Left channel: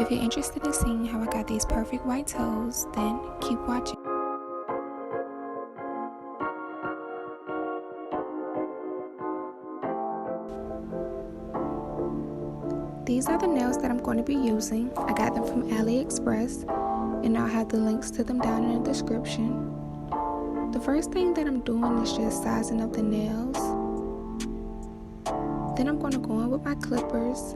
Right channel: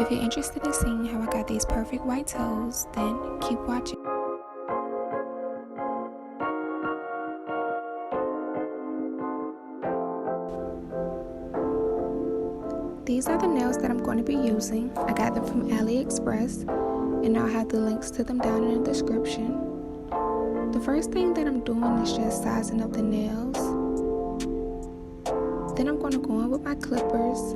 If you're interested in seeing how I got these perfect white toes, then keep watching. These are the nails that I'm going to be using. I got them from AliExpress, and I'll have the links to them down in the description. The first thing that I'm doing is just sizing up the nails. Then I'm going to go in with my clippers.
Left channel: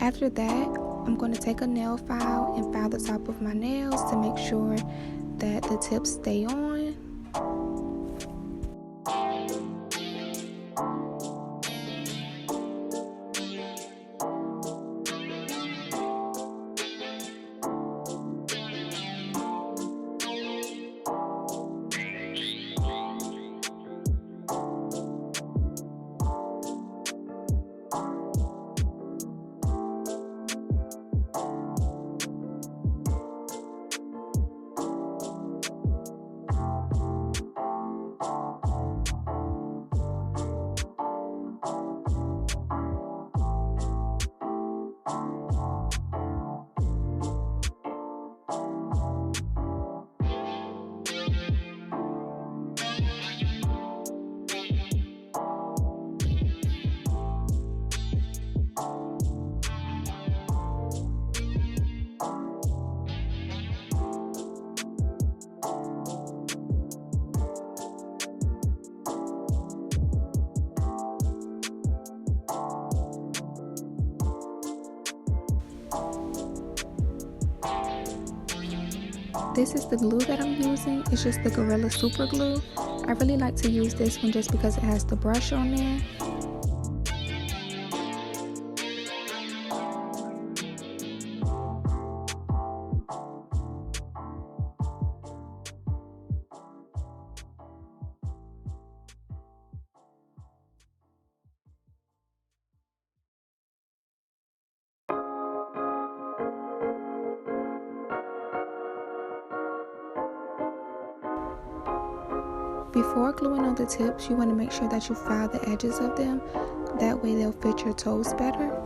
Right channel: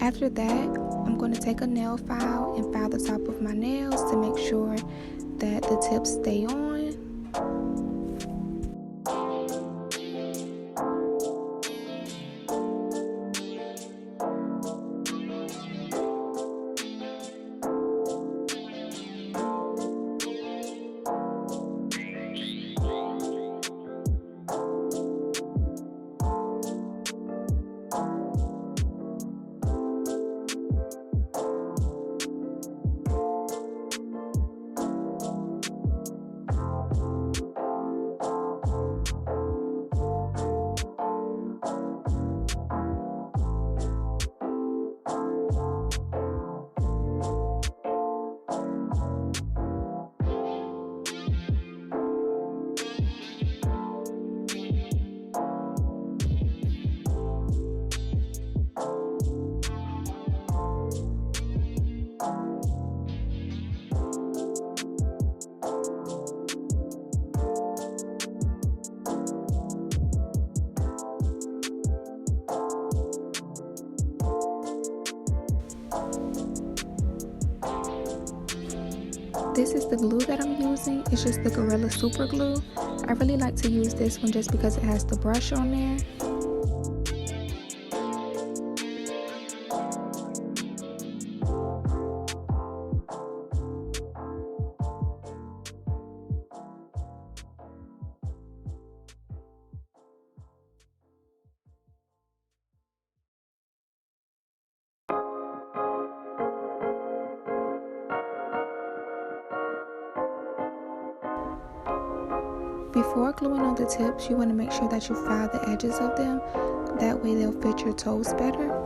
After that, I'm going to take a nail file and file the top of my nails to make sure that the tips stay on. This is the glue that I'm using. It's just the Gorilla Super Glue. I really like to use this one just because it has the brush on there. Before gluing on the tips, you want to make sure that you file the edges of them. That way they'll fit your toes better.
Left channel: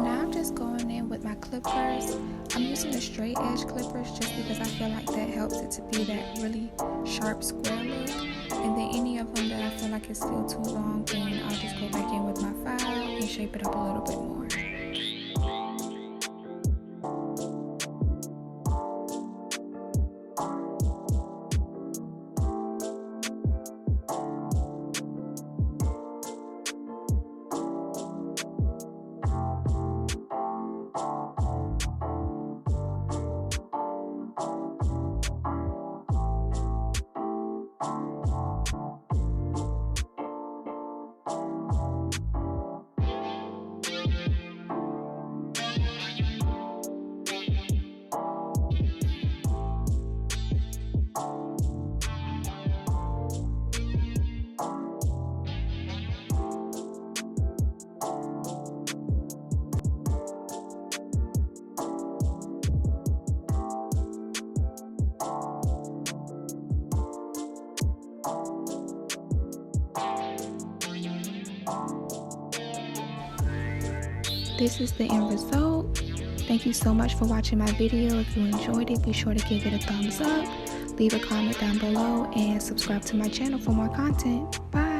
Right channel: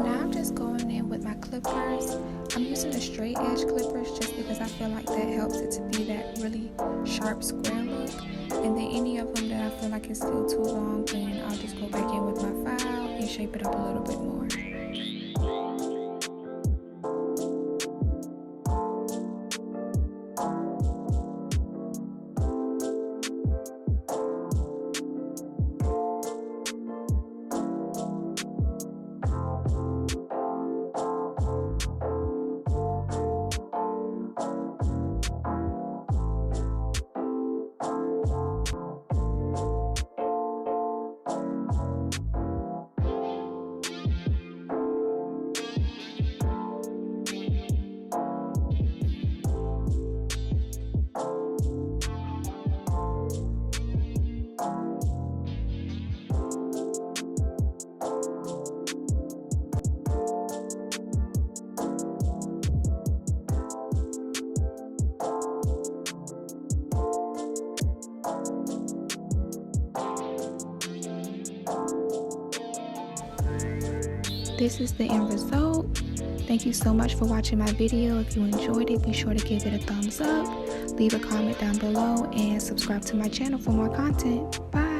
Now I'm just going in with my clippers. I'm using the straight edge clippers just because I feel like that helps it to be that really sharp square look. And then any of them that I feel like is still too long, then I'll just go back in with my file and shape it up a little bit more. this is the end result. Thank you so much for watching my video. If you enjoyed it, be sure to give it a thumbs up, leave a comment down below, and subscribe to my channel for more content. Bye.